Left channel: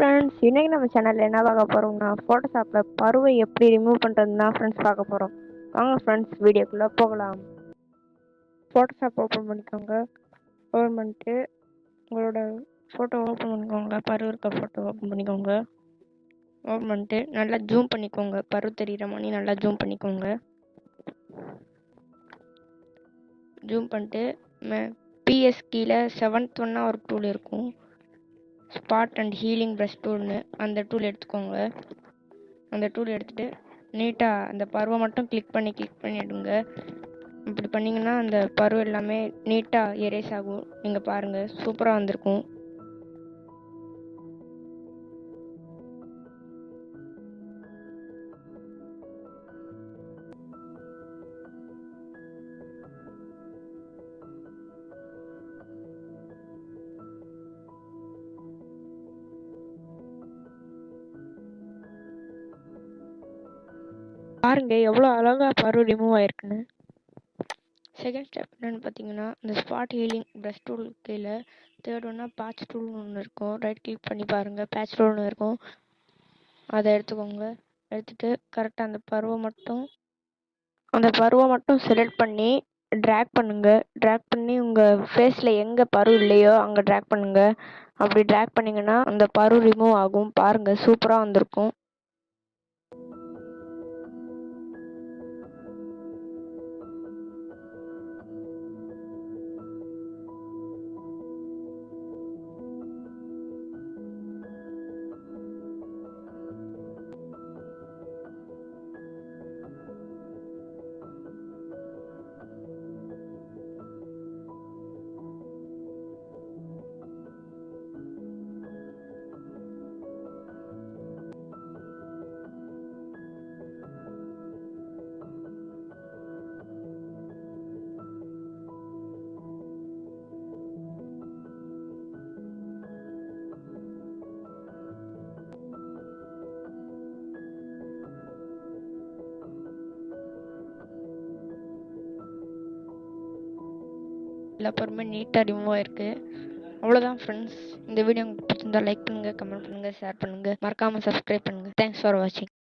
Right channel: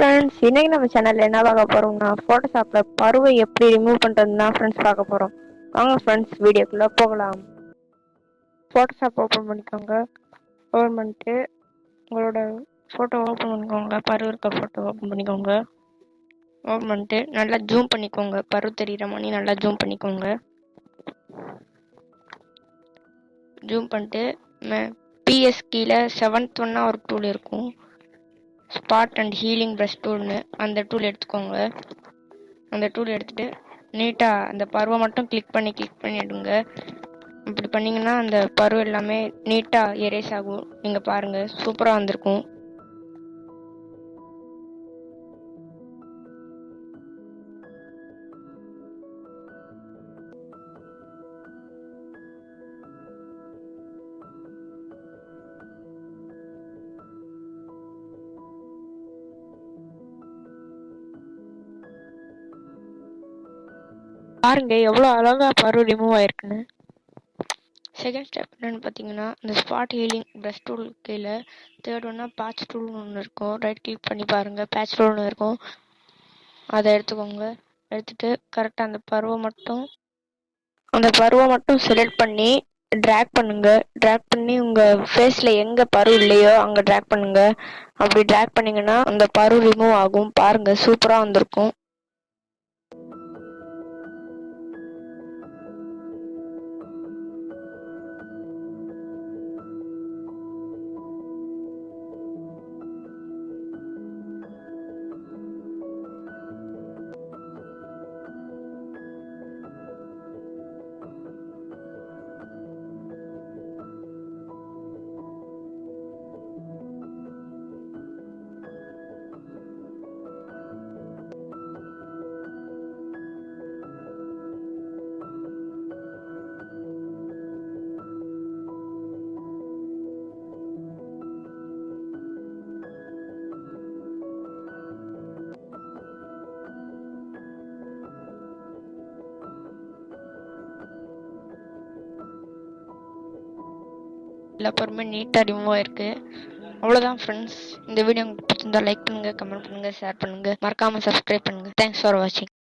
Friends, இன்னைக்கு நம்ம சேனல்ல என்ன பார்க்க போறோம்னா ஃபோட்டோஷாப்ல பருவை எப்படி ரிமூவ் பண்றதுன்னு தான் ஃப்ரெண்ட்ஸ் பார்க்க போறோம். வாங்க ஃப்ரெண்ட்ஸ், வீடியோக்குள்ள போகலாம். ஃபோட்டோஷாப் ஓப்பன் பண்ணிக்கோங்க. ஓப்பன் பண்ணிட்டு உங்களோட ஃபோட்டோ ஓப்பன் பண்ணிக்கோங்க. பரு இருக்க ஃபோட்டோ ஓப்பன் பண்ணிக்கோங்க. ஓப்பன் பண்ணிட்டு நல்லா ஜூம் பண்ணிக்கோங்க. பரு தெரியுற மாதிரி நல்லா ஜூம் பண்ணிக்கோங்க. ஜூம் பண்ணிட்டு பிஎஸ் கீழே 7th ஒன்னா ஒரு டூல் இருக்கும், ஸ்பாட் அண்ட் ஹீலிங் ப்ரஷ் டூல்னு. அந்த டூல் எடுத்துக்கோங்க. அந்த டூல் எடுத்துட்டு நீட்டாக அந்த பருவை மட்டும் கிளிக் பண்ணிடுங்க. இப்படி பண்ணிங்கன்னா அந்த பருவம் எல்லாமே நீட்டாக எரேஸ் ஆகும். நீங்கள் பாருங்கள், சூப்பராக வந்திருக்கும். பாருங்க எவ்வளோ அழகா பரு ரிமூவ் ஆயிருக்குன்னு. செகண்ட் ஸ்டெப் என்னன்னு பார்த்தீங்கன்னா, இந்த ஸ்பாட் ஹீலிங் ப்ரஷ் டூல் கீழே தேர்ட் ஒன்னா பேட்ச் டூல்னு ஒன்று இருக்கும். ரைட் கிளிக் பண்ணி பாருங்கள், பேட்ச் டூல்னு இருக்கும். அதை எடுத்துக்கோங்க. எடுத்துட்டு கரெக்டாக அந்த பருவை மட்டும் செலக்ட் பண்ணி ட்ராக் பண்ணுங்க. ட்ராக் பண்ணி உங்கள் ஃபேஸில் எங்கே பரு இல்லையோ அங்கே ட்ராக் பண்ணுங்க. அப்படி ட்ராக் பண்ணிங்கன்னா அந்த பரு ரிமூவ் ஆகும். பாருங்கள், சூப்பராக வந்திருக்கும். எல்லா பருமே நீட்டாக ரிமூவ் ஆயிருக்கு. அவ்வளோதான் ஃப்ரெண்ட்ஸ். இந்த வீடியோ உங்களுக்கு பிடிச்சிருந்தா லைக் பண்ணுங்கள், கமெண்ட் பண்ணுங்கள், ஷேர் பண்ணுங்கள், மறக்காமல் சப்ஸ்கிரைப் பண்ணுங்கள். தேங்க்ஸ் ஃபார் வாட்சிங்.